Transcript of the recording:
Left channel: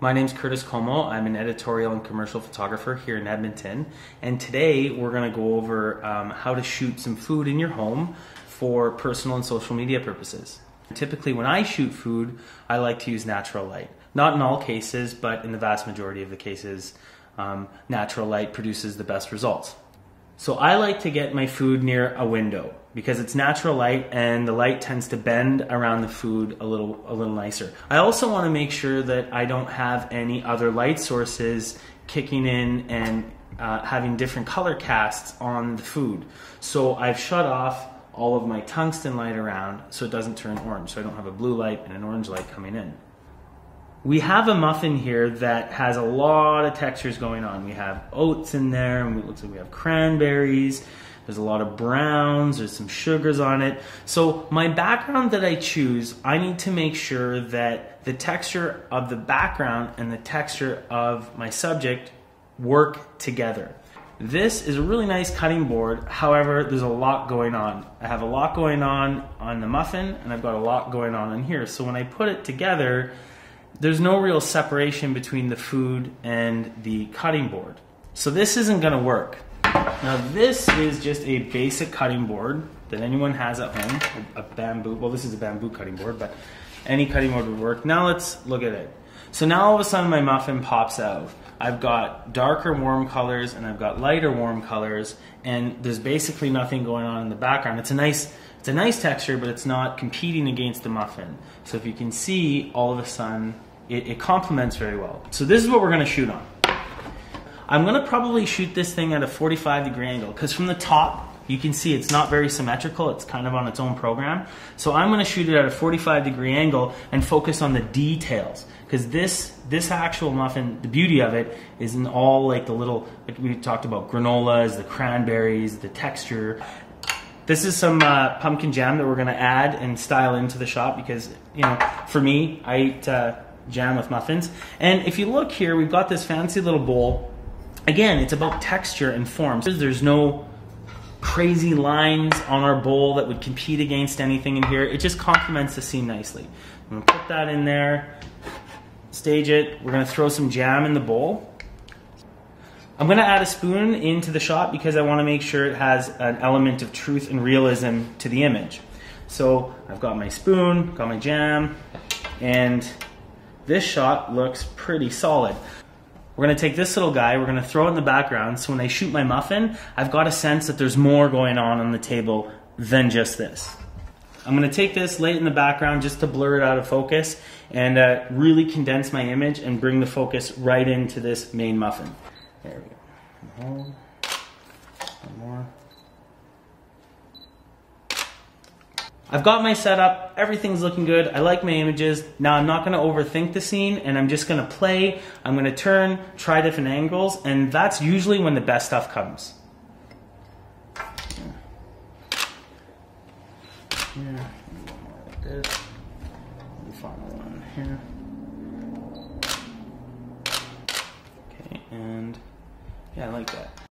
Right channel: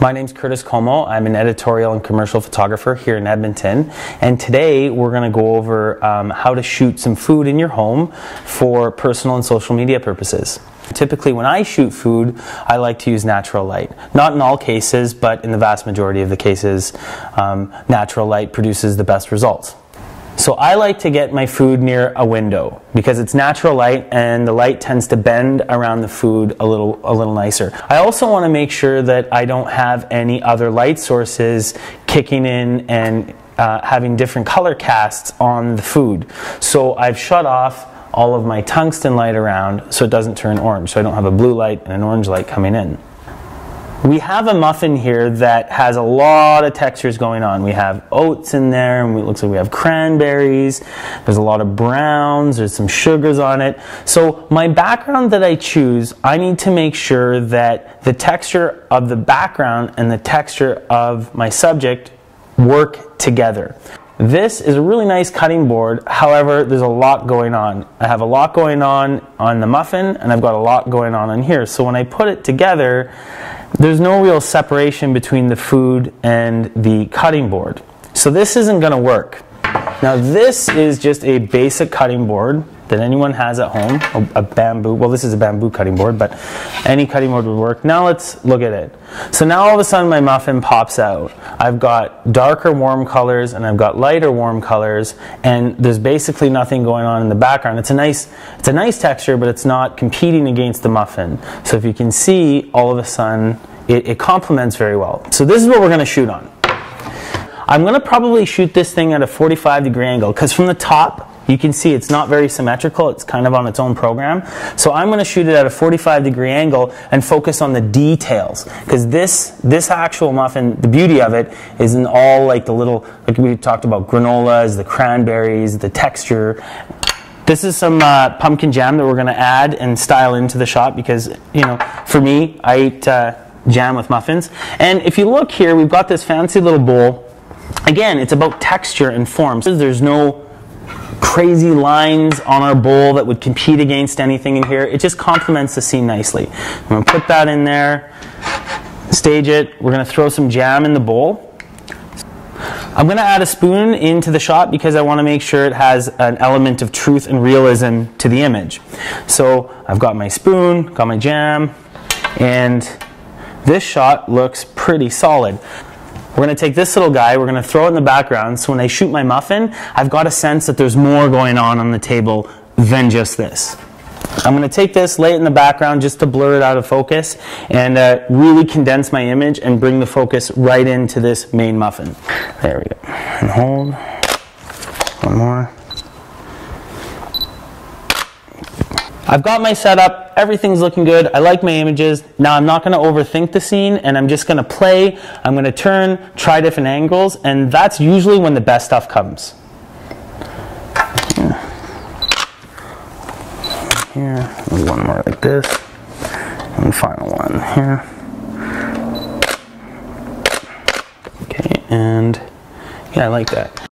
My name's Curtis Como. I'm an editorial and commercial photographer here in Edmonton, and today we're going to go over how to shoot some food in your home for personal and social media purposes. Typically when I shoot food, I like to use natural light. Not in all cases, but in the vast majority of the cases, natural light produces the best results. So I like to get my food near a window because it's natural light and the light tends to bend around the food a little nicer. I also want to make sure that I don't have any other light sources kicking in and having different color casts on the food. So I've shut off all of my tungsten light around so it doesn't turn orange. So I don't have a blue light and an orange light coming in. We have a muffin here that has a lot of textures going on. We have oats in there, and it looks like we have cranberries. There's a lot of browns, there's some sugars on it. So my background that I choose, I need to make sure that the texture of the background and the texture of my subject work together. This is a really nice cutting board, however, there's a lot going on. I have a lot going on the muffin, and I've got a lot going on in here. So when I put it together, there's no real separation between the food and the cutting board. So this isn't going to work. Now this is just a basic cutting board that anyone has at home, a bamboo, well this is a bamboo cutting board, but any cutting board would work. Now let's look at it. So now all of a sudden my muffin pops out. I've got darker warm colors and I've got lighter warm colors, and there's basically nothing going on in the background. It's a nice texture, but it's not competing against the muffin. So if you can see, all of a sudden it complements very well. So this is what we're going to shoot on. I'm going to probably shoot this thing at a 45-degree angle because from the top you can see it's not very symmetrical. It's kind of on its own program. So I'm going to shoot it at a 45-degree angle and focus on the details, because this actual muffin, the beauty of it is in all like the little, like we talked about, granolas, the cranberries, the texture. This is some pumpkin jam that we're going to add and style into the shot because, you know, for me, I eat jam with muffins. And if you look here, we've got this fancy little bowl. Again, it's about texture and form. So there's no crazy lines on our bowl that would compete against anything in here. It just complements the scene nicely. I'm going to put that in there, stage it. We're going to throw some jam in the bowl. I'm going to add a spoon into the shot because I want to make sure it has an element of truth and realism to the image. So I've got my spoon, got my jam, and this shot looks pretty solid. We're going to take this little guy, we're going to throw it in the background, so when I shoot my muffin, I've got a sense that there's more going on the table than just this. I'm going to take this, lay it in the background just to blur it out of focus, and really condense my image and bring the focus right into this main muffin. There we go. And hold. One more. I've got my setup, everything's looking good, I like my images. Now I'm not going to overthink the scene, and I'm just going to play, I'm going to turn, try different angles, and that's usually when the best stuff comes. Here, one more like this, and final one here. Okay, and yeah, I like that.